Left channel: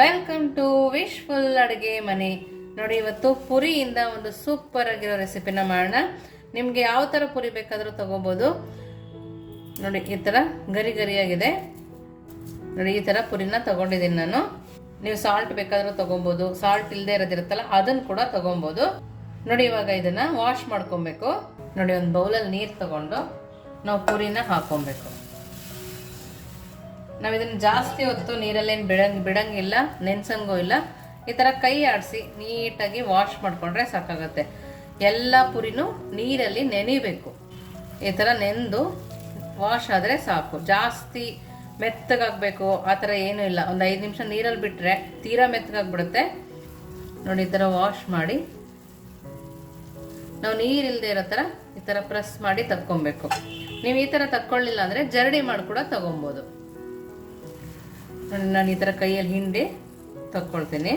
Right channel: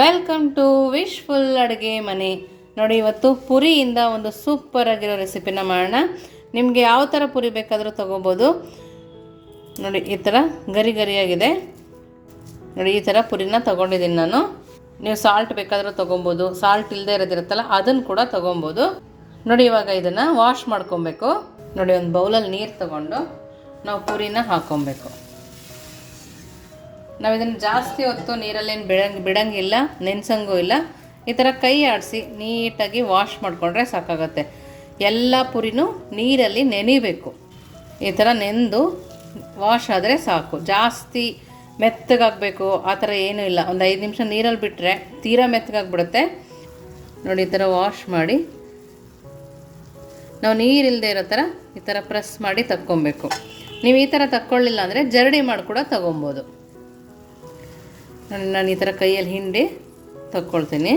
Welcome to wish full ಅಡುಗೆ ಮನೆ. ನೋಡಿ, ಇವತ್ತು ಪುರಿಯಿಂದ ಒಂದು ಸೂಪರ್ ಆಗಿರೋ ರೆಸಿಪಿನ ಮಾಡೋಣ. ನಿಮಗೆ ಯಾವ ಥರ ಪುರಿ ಬೇಕಾದರೂ ತೊಗೋಬೋದು. ನೋಡಿ, ಈ ಥರ ಗರಿ ಗರಿಯಾಗಿದೆ. ನೋಡಿ, ಈ ಥರ ಪುರಿನ ತೊಗೊಂಡಿದ್ದೀನಿ ನಾನು. ನೀವು ಸಾಲ್ಟ್ ಬೇಕಾದರೂ ತೊಗೊಬೋದು. ಸಾಲ್ಟ್ ಇಲ್ಲದೆ ಇರೋದಿರುತ್ತಲ್ಲ, ಅದನ್ನು ಕೂಡ ತೊಗೊಬೋದು. ನೋಡಿ, ಇವಾಗ ಇದನ್ನು ವಾಶ್ ಮಾಡ್ಕೊಬೇಕು. ನೋಡಿ, ಒಂದು ಬೌಲಲ್ಲಿ ನೀರು ತಗೊಂಡು ನಾವು ಪುರಿನ ಹಾಕ್ಕೊಬೇಕು ನಾವು ಇದನ್ನು ಜಾಸ್ತಿ ಹೊತ್ತು ನೀರಲ್ಲೇನು ಬಿಡಂಗ್, ಬಿಡಂಗಿಲ್ಲ, ನೆನೆಸಂಗೂ ಇಲ್ಲ. ಈ ಥರ ಕೈ ಆಡಿಸಿ ನೀಟಾಗಿ ವಾಶ್ ಮಾಡಿಕೊಂಡ್ರೆ ಸಾಕಾಗತ್ತೆ. ಎಲ್ಲ ಪುರಿನೂ ನೀರಲ್ಲಿ ನೆನಿಬೇಕು. ಈ ಥರ ನೆಂದು ವಾಶ್ ಆದರೆ ಸಾಕು. ಜಾಸ್ತಿ ಮೆತ್ತಗಾಗಬೇಕು, ಆ ಥರ ಏನೂ ಇಲ್ಲ. ಒಂದು ಐದು ನಿಮಿಷ ನೀರಲ್ಲಿ ಬಿಟ್ಟರೆ ತೀರಾ ಮೆತ್ತಗಾಗ್ಬಿಡುತ್ತೆ. ನೋಡಿ, ಈ ಥರ ವಾಶ್ ಮಾಡಿ. ನಾವು ನೀರಿಲ್ಲದೆ ಇರೋ ಥರ ಈ ಥರ ಪ್ರೆಸ್ ಮಾಡಿ ತಕ್ಕೊಬೇಕು. ನೀವು ಈ ಥರ ತಕ್ಕೊಳ್ಳಿಲ್ಲ ಅಂದರೆ ಜರಡಿ ಮಾಡಿ ಕೂಡ ತಗೊಬೋದು. ನಾನು ಈ ಥರ ಕೈಯಲ್ಲಿ ಹಿಂಡಿ ತಕ್ಕೊಳ್ತೀನಿ.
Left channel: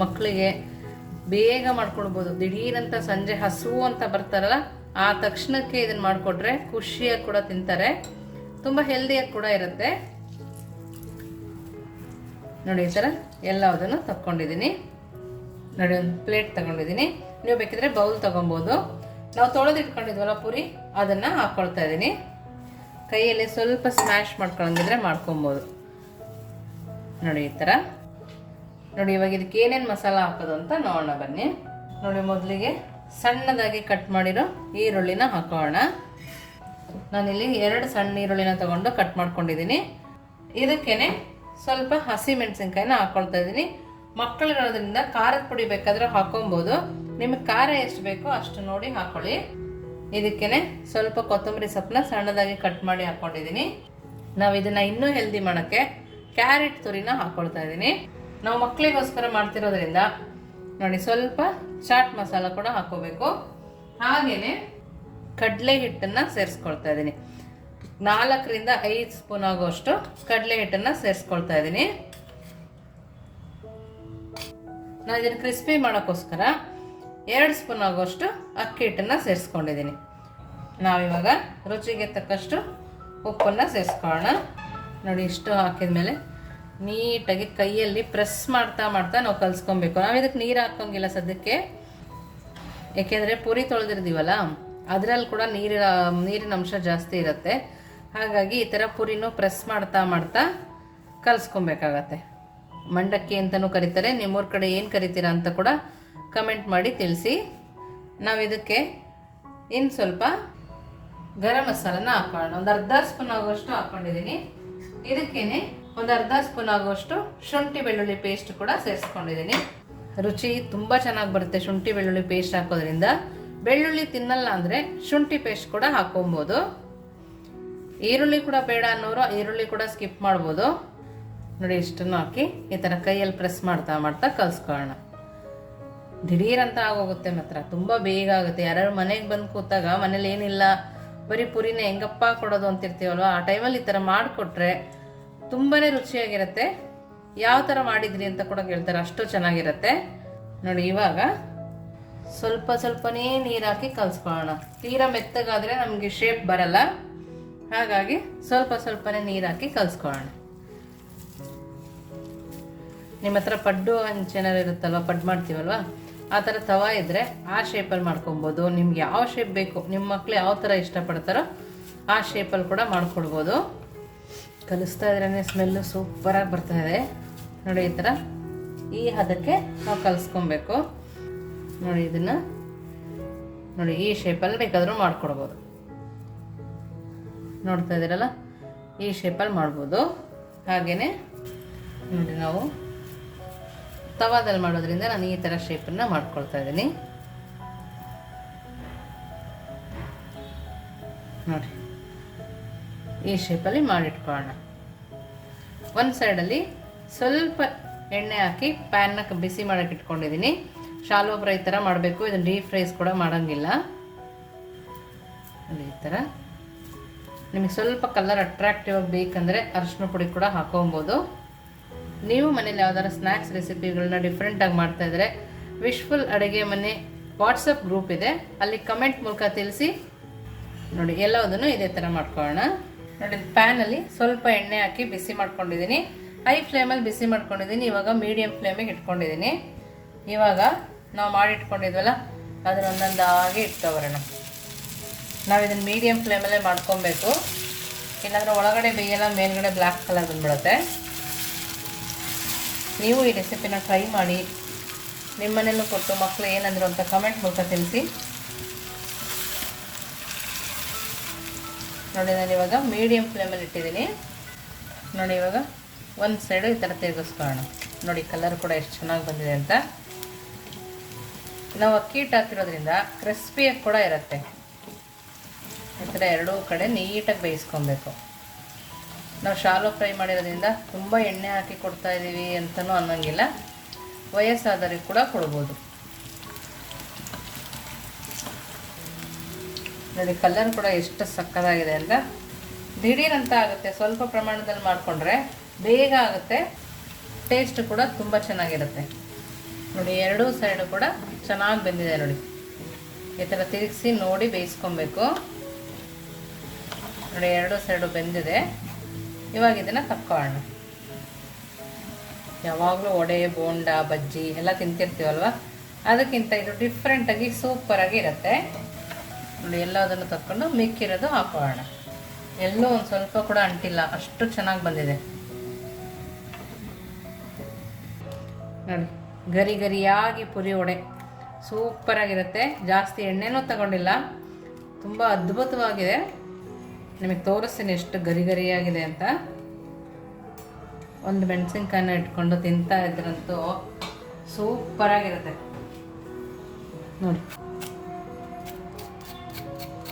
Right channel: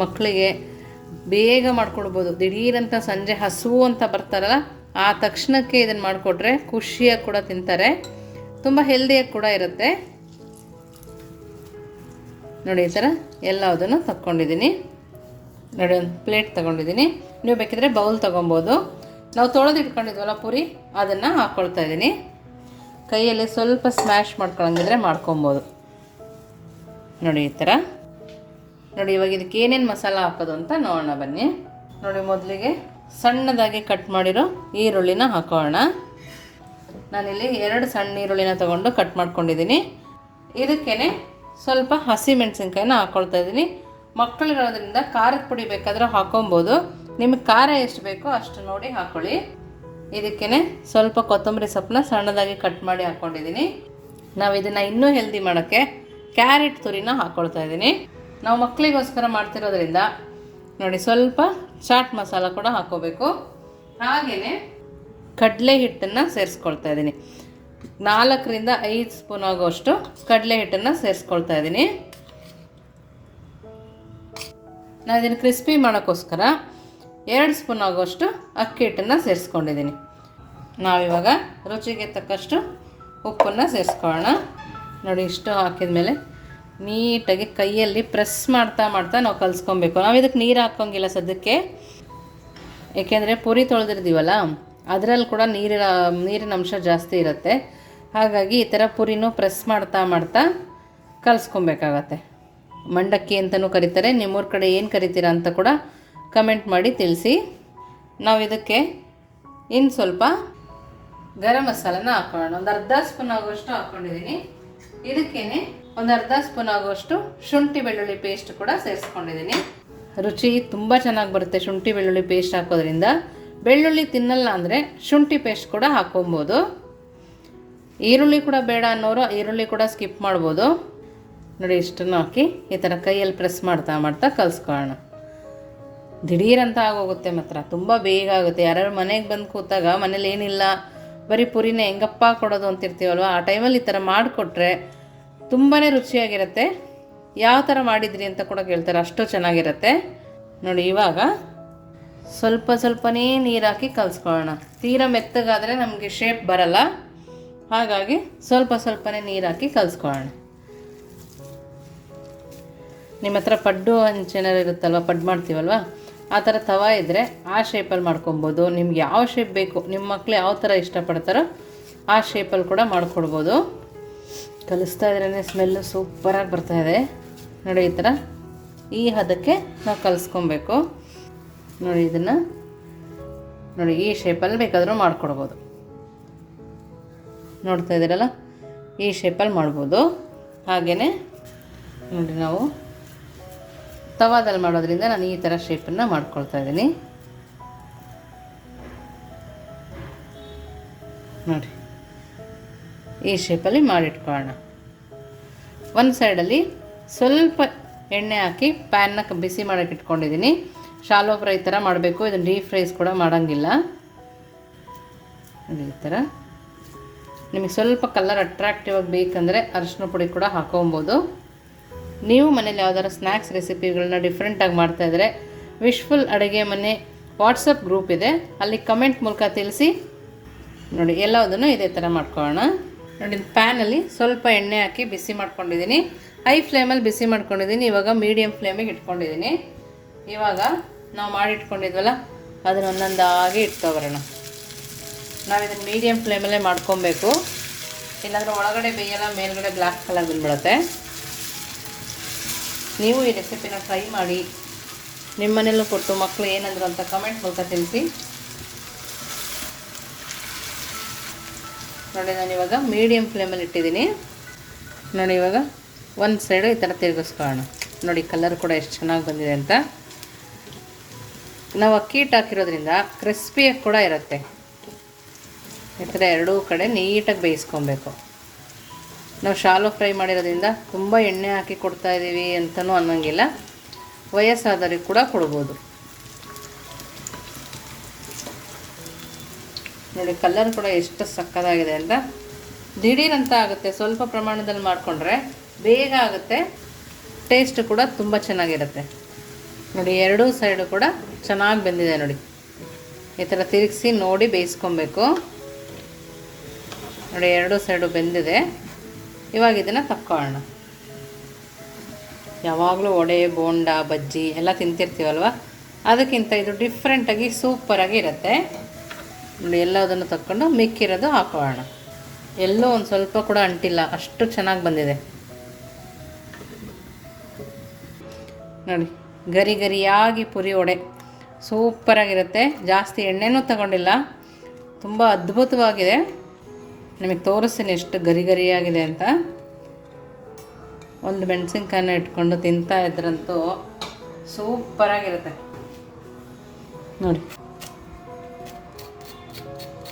ಮಕ್ಕಳಿಗೆ ಬೇಗ ಮಾಡ್ಕೊಡ್ಬೋದು. ದಿಢೀರಂತ ಸಂಜೆ ಹಸುವು ಅಂತ ಬರ್ತಾರಲ್ಲ, ಆ ತಕ್ಷಣಕ್ಕೆ ಇದನ್ನು ಮಾಡಿಕೊಟ್ರೆ ಖುಷಿಯಾಗಿ ಕೂಡ ತಿಂತಾರೆ. ತುಂಬ ಹೆಲ್ದಿಯಾಗಿ ಕೂಡ ಇರುತ್ತೆ. ನೋಡಿ, ಈ ಥರ ಎಲ್ಲದನ್ನು ತಕ್ಕೊಂಡಿದ್ದೀನಿ. ನೋಡಿ, ಒಂದು ಪ್ಲೇಟ್ ತಗೊಂಡಿದ್ದೀನಿ. ನೀವು ಬೇಕಿದ್ರೆ ಬೌಲ್ ತೊಗೊಬೋದು. ನಾವು ತೊಳೆದು ಇಟ್ಕೊಂಡಿದ್ವಲ್ಲ ಪುರಿ, ಅದನ್ನು ಹಾಕ್ಕೊಳ್ತಾ ಇದ್ದೀನಿ. ಕೈಯಲ್ಲಿ ಸ್ವಲ್ಪ ಸ್ಮ್ಯಾಶ್ ಮಾಡ್ಕೊಳಂಗಿದ್ರೆ ಮಾಡ್ಕೊಬೋದು. ನೋಡಿ ಈ ಥರ ನೋಡಿ ಇವಾಗ ಇದಕ್ಕೆ ಏನೇನು ಮಸಾಲ ಹಾಕೋದು ಅಂತ ನೋಡೋಣ ಬನ್ನಿ. ನೋಡಿ ಮೊದಲಿಗೆ ಸಣ್ಣದಾಗಿ ಕಟ್ ಮಾಡಿರೋ ಈರುಳ್ಳಿನ ಹಾಕೋಣ. ನಾನಿಲ್ಲಿ ಎರಡು ಸಣ್ಣ ಈರುಳ್ಳಿನ ತೊಗೊಂಡು ಕಟ್ ಮಾಡ್ಕೊಂಡಿದ್ದೀನಿ. ಇದಕ್ಕೇ ಸ್ವಲ್ಪ ಹಸಿ ಮೆಣಸಿನ್ಕಾಯಿನ ಹಾಕ್ಕೊಳ್ತಾ ಇದ್ದೀನಿ. ಮಕ್ಕಳಿರೋದ್ರಿಂದ ಖಾರದ ಪುಡಿ ಬೇಕಾದರೂ ಹಾಕೊಬೋದು. ನಿಮಗೆ ಖಾರ ಎಷ್ಟು ಬೇಕೋ ಅಷ್ಟು ನೋಡಿ ಹಾಕ್ಕೊಳ್ಳಿ ಇದಕ್ಕೇ ಸ್ವಲ್ಪ ಕೊತ್ತಂಬರಿ ಸೊಪ್ಪನ್ನ ಸಣ್ಣದಾಗಿ ಕಟ್ ಮಾಡಿ ಹಾಕ್ಕೊಂಡಿದ್ದೀನಿ ನಾವು ಇದನ್ನು ಇನ್ನೂ ಹೆಲ್ದಿ ಮಾಡೋಕ್ಕೆ ಕ್ಯಾರೆಟ್ ತುರಿನ ಹಾಕ್ಕೊಳ್ತಾ ಇದ್ದೀನಿ. ನಾವು ಮಕ್ಕಳಿಗೋಸ್ಕರ ಮಾಡ್ತಿರೋದ್ರಿಂದ ನೋಡಿ ಸ್ವಲ್ಪ ಚಾಟ್ ಮಸಾಲ ಕೂಡ ಹಾಕ್ಕೋಬೇಕು ಹಾಗೆಯೇ ಕಡಲೆ ಹಿಟ್ಟನ್ನು ಸೇರಿಸ್ಕೊಳ್ತಾ ಇದ್ದೀನಿ. ನಾಲ್ಕರಿಂದ ಐದು ಸ್ಪೂನ್ ಆಗೋಷ್ಟು ಕಡಲೆ ಹಿಟ್ಟನ್ನು ಸೇರಿಸ್ಕೊಳ್ತಾ ಇದ್ದೀನಿ. ನಾನು ಇದನ್ನು ಕ್ರಿಸ್ಪಿ ಮಾಡೋಕ್ಕೋಸ್ಕರ ಎರಡು ಸ್ಪೂನ್ ಆಗೋಷ್ಟು ಅಕ್ಕಿ ಹಿಟ್ಟನ್ನು ಸೇರಿಸ್ಕೊಂಡಿದ್ದೀನಿ. ನಾವಿವಾಗ ರುಚಿಗೆ ತಕ್ಕಷ್ಟು ಉಪ್ಪನ್ನು ಸೇರಿಸ್ಕೊಳ್ಳೋಣ. ನೋಡಿ, ಇಷ್ಟು ಹಾಕಿದ ಮೇಲೆ ನೀಟಾಗಿ ಕೈಯಲ್ಲಿ ಪ್ರೆಸ್ ಮಾಡ್ತಾ ಮಾಡ್ತಾ ನಾವು ಕಲಿಸ್ಕೊಬೇಕು. ನಾವು ಇದಕ್ಕೆ ನೀರು ಹಾಕೋಂಗಿಲ್ಲ ಸದ್ಯಕ್ಕೆ. ಏಕೆಂದರೆ ಪುರಿ ತೊಳೆದಿರ್ತೀವಲ್ಲ, ಅದರಲ್ಲಿ ಕೂಡ ನೀರಿನ ನೀರಿನ ಅಂಶ ಜಾಸ್ತಿ ಇರುತ್ತೆ. ಹಾಗಾಗಿ ಈ ಥರ ಪುರಿನೂ ಪ್ರೆಸ್ ಮಾಡ್ತಾ ಮಾಡ್ತಾ ಕಲಿಸ್ಕೊಬೇಕಾಗತ್ತೆ. ಮಂಡಕ್ಕಿ ಅಂತಲೂ ಕರೀತಾರೆ. ನಿಮ್ಮೂರ ಕಡೆ ಏನು ಕರಿತೀರಾ ಅಂತ ಕೂಡ ಕಮೆಂಟ್ ಮಾಡಿ ತಿಳಿಸಿ. ನಾವು ಇದಕ್ಕೆ ಇನ್ನು ಸ್ವಲ್ಪ ಗರಂ ಮಸಾಲನ ಹಾಕೋಣ. ಒಂದು ಅರ್ಧ ಸ್ಪೂನ್ ಆಗುವಷ್ಟು ಹಾಕ್ಕೊಂಡಿದ್ದೀನಿ ಇದಕ್ಕೇನೆ ಒಂದು ಅರ್ಧ ಸ್ಪೂನ್ ಆಗುವಷ್ಟು ಶುಂಠಿ ಬೆಳ್ಳುಳ್ಳಿ ಪೇಸ್ಟ್ ಕೂಡ ಸೇರಿಸ್ಕೊಂಡಿದ್ದೀನಿ. ರುಚಿ ತುಂಬ ಚೆನ್ನಾಗಿ ಬರುತ್ತೆ ಶುಂಠಿ ಬೆಳ್ಳುಳ್ಳಿ ಪೇಸ್ಟ್ ಹಾಕೋದ್ರಿಂದ. ಬೆಳ್ಳುಳ್ಳಿ ತಿನ್ನಲ್ಲ ಅಂದರೆ ಶುಂಠಿ ಪೇಸ್ಟ್ ಕೂಡ ಹಾಕೊಬೋದು. ಈರುಳ್ಳಿ ಕೂಡ ಬೇಡ ಅನ್ನೋರು ಈರುಳ್ಳಿ ಕೂಡ ಸ್ಕಿಪ್ ಮಾಡ್ಬೋದು. ನೋಡಿ, ಇಷ್ಟನ್ನು ಹಾಕಿ ಈ ಥರ ಕೈಯಲ್ಲಿ ಪ್ರೆಸ್ ಮಾಡ್ತಾ ಮಾಡ್ತಾ ಕಲಿಸ್ಕೊಳ್ಳೋಣ. ದಿಢೀರಂತ ಆಗೋಗುತ್ತೆ ಮಾತ್ರ. ತುಂಬ ಬೇಗ ಆಗುತ್ತೆ. ಯಾರ್ಯಾರು ಮನೆಗೆ ಬಂದು ಕೂತಾಗ ಮನೇಲಿ ಏನಿಲ್ಲ. ಬರೀ ಪುರಿನ ಹೆಂಗಪ್ಪ ಕೊಡೋದು ಅಂತಿರ್ತೀವಲ್ವ? ಆ ಟೈಮಲ್ಲಿ ಈ ಥರ ಮಾಡಿಕೊಟ್ರೆ ತುಂಬಾ ರುಚಿಯಾಗಿರುತ್ತೆ. ಯಾವ ಥರ ಮಾಡಿದ್ರಿ ಅಂತ ಕೂಡ ಕೇಳ್ತಾರೆ. ಅಷ್ಟು ಚೆನ್ನಾಗಿರುತ್ತೆ. ನೋಡಿ, ಇವಾಗ ಸ್ವಲ್ಪ ಸ್ವಲ್ಪನೇ ನೀರು ಹಾಕಿ ಕಲಿಸ್ಕೊಳ್ಳೋಣ. ತೀರಾ ಮೆತ್ತಗಾದರೆ ನಮಗೆ ಶೇಪ್ ಬರಲ್ಲ. ಹಾಗಾಗಿ ಸ್ವಲ್ಪ ಸ್ವಲ್ಪನೇ ನೀರು ಹಾಕಿ ಕಲಿಸ್ಕೊಳ್ಳೋಣ. ನಿಮ್ಮ ಹತ್ರ ಪಡ್ಡು ಹಂಚೇನಾರು ಇರುತ್ತಲ್ವ? ಪಡ್ಡು ಮಾಡ್ತೀವಲ್ವ? ಆ ಥರ ತವ ಇದ್ದರೆ ಆ ಶೇಪಲ್ಲಿ ಮಾಡ್ಕೊಬೋದು. ನಿಮ್ಗೆ ಯಾವ ಶೇಪ್ ಬೇಕು ನಿಮ್ಮ ಮಕ್ಕಳು ಯಾವ ಥರ ಇಷ್ಟಪಡ್ತಾರೋ ಆ ಶೇಪಲ್ಲಿ ಕೂಡ ಮಾಡ್ಕೊಡ್ಬೋದು. ಕಲಿಸ್ತಾ ಇದ್ರೇ ಸ್ಮೆಲ್ಲು ಸೂಪರಾಗಿ ಇದೆ. ನೋಡಿ ಈ ಥರ ಈ ಹದಕ್ಕೆ ನಾವು ಕಲಿಸ್ಕೊಬೇಕು. ನೋಡಿ ಇದನ್ನು. ನೋಡಿ ಈ ಶೇಪಲ್ಲಿ ಬೇಕಾದರೂ ಮಾಡ್ಕೊಡ್ಬೋದು. ನೋಡ್ತಾ ಇದ್ದೀರಲ್ಲ ಈ ಶೇಪಲ್ಲಿ ಮಾಡ್ಬೋದು. ಹಾಗೆಯೇ ನೋಡಿ ನಾವು ತವಾದಲ್ಲಿ ಮಾಡೋದ್ರಿಂದ ನಾನು ಈ ಥರ ಶೇಪನ್ನು ಮಾಡ್ಕೊಳ್ತಾ ಇದ್ದೀನಿ. ನೋಡಿ. ಈ ಶೇಪಲ್ಲಿ ಮಾಡಿಟ್ಕೊಳ್ಳೋಣ. ಒಂದು ಸೈಡಲ್ಲಿ ಸ್ವಲ್ಪ ಎಣ್ಣೆ ಹಾಕಿ ಪ್ಯಾನ್ನ ಬಿಸಿ ಮಾಡೋಕೆ ಇಟ್ಕೊಂಡಿದ್ದೀನಿ. ಶಾಲೋ ಫ್ರೈ ಥರ ಮಾಡಬೇಕು, ಇದನ್ನು ಡೀಪ್ ಫ್ರೈಸ್ ಕೂಡ ಮಾಡೋಂಗಿಲ್ಲ. ಈ ಥರ ನಿಮಗೆ ಸ್ವಲ್ಪ ಕಲರ್ ಅಟ್ರಾಕ್ಟಿವ್ ಆಗಿ ಬೇಕಂದರೆ ಅರಿಶಿನ ಪುಡಿ ಕೂಡ ಹಾಕೊಬೋದು. ನೀವು ಮನೇಲಿ ಯಾವ್ದಾದ್ರು ಸ್ನ್ಯಾಕ್ಸ್ ರೆಸಿಪಿಗಳನ್ನ ಡಿಫ್ರೆಂಟಾಗಿ ಮಾಡ್ತಾಯಿದ್ರೆ ವಿಶ್ಫುಲ್ ಅಡುಗೆ ಮನೆ ವಾಟ್ಸಪ್ ಗ್ರೂಪ್ ಇದೆ. ಅಲ್ಲಿ ಕಮೆಂಟ್ ಮೂಲಕ ತಿಳಿಸಿ. ನೋಡಿ ಎಲ್ಲದನ್ನು ಇದೇ ಥರ ಮಾಡ್ಕೊಳ್ಳೋಣ. ನೋಡಿ ಪ್ಯಾನಲ್ಲಿ ಸ್ವಲ್ಪ ಎಣ್ಣೆ ಹಾಕಿ ಬಿಸಿ ಮಾಡ್ಕೊಂಡಿದ್ದೀನಿ. ಹೈ ಫ್ಲೇಮಲ್ಲಿ ಬಿಸಿ ಮಾಡ್ಕೊಂಡಿದ್ದೀನಿ. ಇವಾಗ ಮೀಡಿಯಮ್ ಫ್ಲೇಮಿಗೆ ಇಟ್ಕೊಂಡಿದ್ದೀನಿ. ಇವಾಗ ನಾವು ಮಾಡಿಟ್ಕೊಂಡಿದ್ವಲ್ಲ ಅದನ್ನ ಒಂದೊಂದಾಗಿ ಇಟ್ಕೊಬರೋಣ. ನಾವು ಇದನ್ನು ಮೀಡಿಯಮ್ ಫ್ಲೇಮಲ್ಲೇ ಮಾಡ್ಕೊಬೇಕು. ಇಲ್ಲಾಂದ್ರೆ ಒಳಗಡೆ ಬೇಯಲ್ಲ ಮೇಲ್ಗಡೆ ಬ್ಲ್ಯಾಕ್ ಕಲರ್ ಬಂದ್ಬಿಡುತ್ತೆ. ನೀವು ಈ ರೆಸಿಪಿನ ಟ್ರೈ ಮಾಡಿ ನಿಮ್ಮ ಮನೇಲೂ ಕೊಟ್ಟು ಮಕ್ಕಳು ಏನಂದ್ರು ಅಂತ ಕಮೆಂಟ್ ಮೂಲಕ ತಿಳಿಸಿ. ನೋಡಿ, ನಾನು ಇವಾಗ ಮೀಡಿಯಮ್ ಫ್ಲೇಮಲ್ಲಿ ಇಟ್ಟಿದ್ದೀನಿ. ನೋಡಿ, ಇವಾಗ ಒಂದು ಸೈಡು ಈ ಥರ ತಿರುಗಿಸ್ಕೊಳ್ಳೋಣ. ನೋಡಿ ಕಲರ್ ಕೂಡ ಎಷ್ಟು ಚೆನ್ನಾಗಿ ಬಂದಿದೆ ಅಂತ. ನಾವು ಅಕ್ಕಿ ಹಿಟ್ಟು ಹಾಕಿರೋದ್ರಿಂದ ಕ್ರಿಸ್ಪಿಯಾಗಿ ಕೂಡ ಇರುತ್ತೆ. ಈ ಥರ ಎರಡೂ ಕಡೆ ನೀಟಾಗಿ ಬೇಯಿಸ್ಕೊಬೇಕು. ನಾವು ಶಾಲು ಫ್ರೈ ಮಾಡಿರೋದ್ರಿಂದ ತುಂಬ ಎಣ್ಣೆ ಹಾಕಿ ಕೊಡ್ತಾ ಇದ್ದೀವಿ ಅಂತಲೂ ಅನ್ನೋಂಗಿಲ್ಲ. ವಯಸ್ಸಾದವ್ರಿಗೆ ಕೂಡ ಕೊಡ್ಬೋದು. ನೋಡಿ, ಕಲರ್ ಕೂಡ ಎಷ್ಟು ಸಕ್ಕದಾಗಿದೆ ಅಂತ. ದಿಢೀರಂತ ಆಗುತ್ತೆ, ಸ್ವಲ್ಪ ಪ್ರಮಾಣದಲ್ಲಿ ಮಾಡಿಕೊಂಡ್ರೆ ಬೇಗ ಆಗುತ್ತೆ, ಟೇಸ್ಟ್ ಕೂಡ ತುಂಬ ಚೆನ್ನಾಗಿರುತ್ತೆ. ನೋಡಿ, ಎರಡೂ ಸೈಡು ಕೂಡ ಚೆನ್ನಾಗಿ ಬೆಂದಿದೆ ನೋಡಿ. ಈ ಥರ ತಿರುಗಿಸಿ ನೋಡಿ ಬೇಯಿಸ್ಕೊಬೇಕು. ನೋಡಿ, ಎರಡೂ ಸೈಡು ಬೆಂದಿದೆ. ಇವಾಗ ಇದನ್ನು ತಕ್ಕೊಳ್ಳೋಣ ಯಾವಾಗಲೂ ವಡೆ, ಬೋಂಡ, ಬಜ್ಜಿ ಎಲ್ಲ ತಿಂತಿರ್ತೀವಲ್ವ? ಅದಕ್ಕಿಂತ ಇದು ಡಿಫ್ರೆಂಟಾಗಿ ಸೂಪರಾಗಿ ಇರುತ್ತೆ. ನೋಡಿ, ಎಲ್ಲದನ್ನು ತಕ್ಕೊಂಡು ಮಿಕ್ಕಿರೋದು ಹಾಕೋಣ. ಎಲ್ಲೂ ಒಂದು ಸ್ವಲ್ಪ ಕೂಡ ಅಂಟಿಲ್ಲ, ಅಷ್ಟು ಚೆನ್ನಾಗಿ ಬಂದಿದೆ. ನೋಡಿ, ಗರಿ ಗರಿಯಾಗಿ ಪುರಿ ವಡೆ. ಸೂಪರಾಗಿರುತ್ತೆ ಜಾಸ್ತಿ ಎಣ್ಣೆನೂ ತಗೊಂಡಿಲ್ಲ. ತುಂಬ ಅದ್ಭುತವಾಗಿದೆ. ನಿಮಗೆ ತೋರಿಸ್ತೀನಿ ಎಷ್ಟು ಗರಿ ಗರಿಯಾಗಿದೆ ಅಂತ. ಒಂದು ಮೆಣಸಿನ್ಕಾಯನ್ನ ಇಟ್ಕೊಂಡು ತಿಂತಾ ಇದ್ರಂತೂ ಸೂಪರಾಗಿರುತ್ತೆ ನೋಡಿ.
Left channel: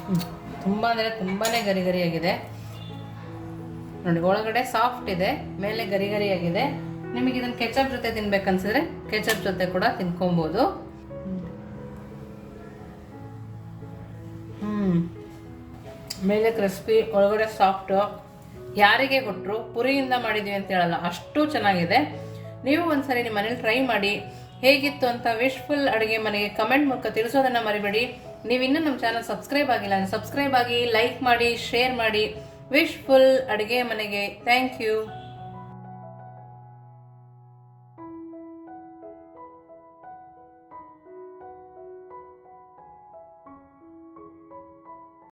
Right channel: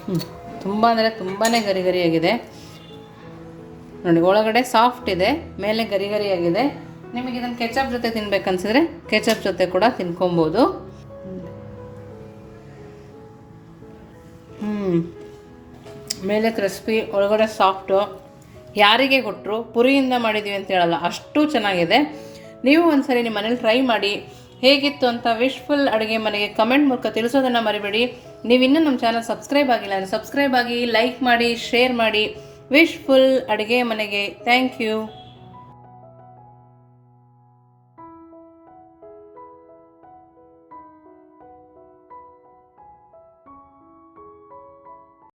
ಹ್ಞೂ ತುಂಬ ಅಂದರೆ ತುಂಬಾ ಗರಿ ಗರಿಯಾಗಿದೆ. ನೋಡಿ, ಒಳಗಡೆ ಸಾಫ್ಟ್ ಇದೆ, ಮೇಲೆ ಗರಿ ಗರಿಯಾಗಿದೆ. ನಿಮಗೆ ಇದನ್ನು ಕೆಚಪ್ ಜೊತೆ ತಿನ್ಬೇಕನ್ಸಿದ್ರೆ ಕೆಚಪ್ ಜೊತೆ ಕೂಡ ತಿನ್ಕೊಬೋದು. ಹ್ಞೂ ಮೇಲೆ ಕ್ರಿಸ್ಪಿ ಒಳಗಡೆ ಸಾಫ್ಟು ಯಾರಿಗೆ ಕೊಟ್ಟರು ಪುರಿಯಿಂದ ಮಾಡಿದ್ದೀವಿ ಅಂತ ಹೇಳಲ್ಲ, ಅಷ್ಟು ಚೆನ್ನಾಗಿದೆ. ನೀವು ಒಂದ್ಸರಿ ನಿಮ್ಮ ಮನೇಲಿ ಟ್ರೈ ಮಾಡಿ, ಹೇಗಿತ್ತು ಅಂತ ವಿಶ್ಫುಲ್ ಅಡುಗೆ ಮನೆಗೆ ಕಮೆಂಟ್ ಮೂಲಕ ತಿಳಿಸೋದನ್ನು ಮರಿಬೇಡಿ. ನೀವು ಇನ್ನೂ ನಮ್ಮ ಚಾನಲ್ ಸಬ್ಸ್ಕ್ರೈಬ್ ಆಗಿಲ್ಲ ಅಂದರೆ ಸಬ್ಸ್ಕ್ರೈಬ್ ಆಗಿ ಲೈಕ್ ಮಾಡಿ ಶೇರ್ ಮಾಡಿ. ವಿಶ್ಫುಲ್ ಅಡುಗೆ ಮನೆಗೆ ಥ್ಯಾಂಕ್ ಯು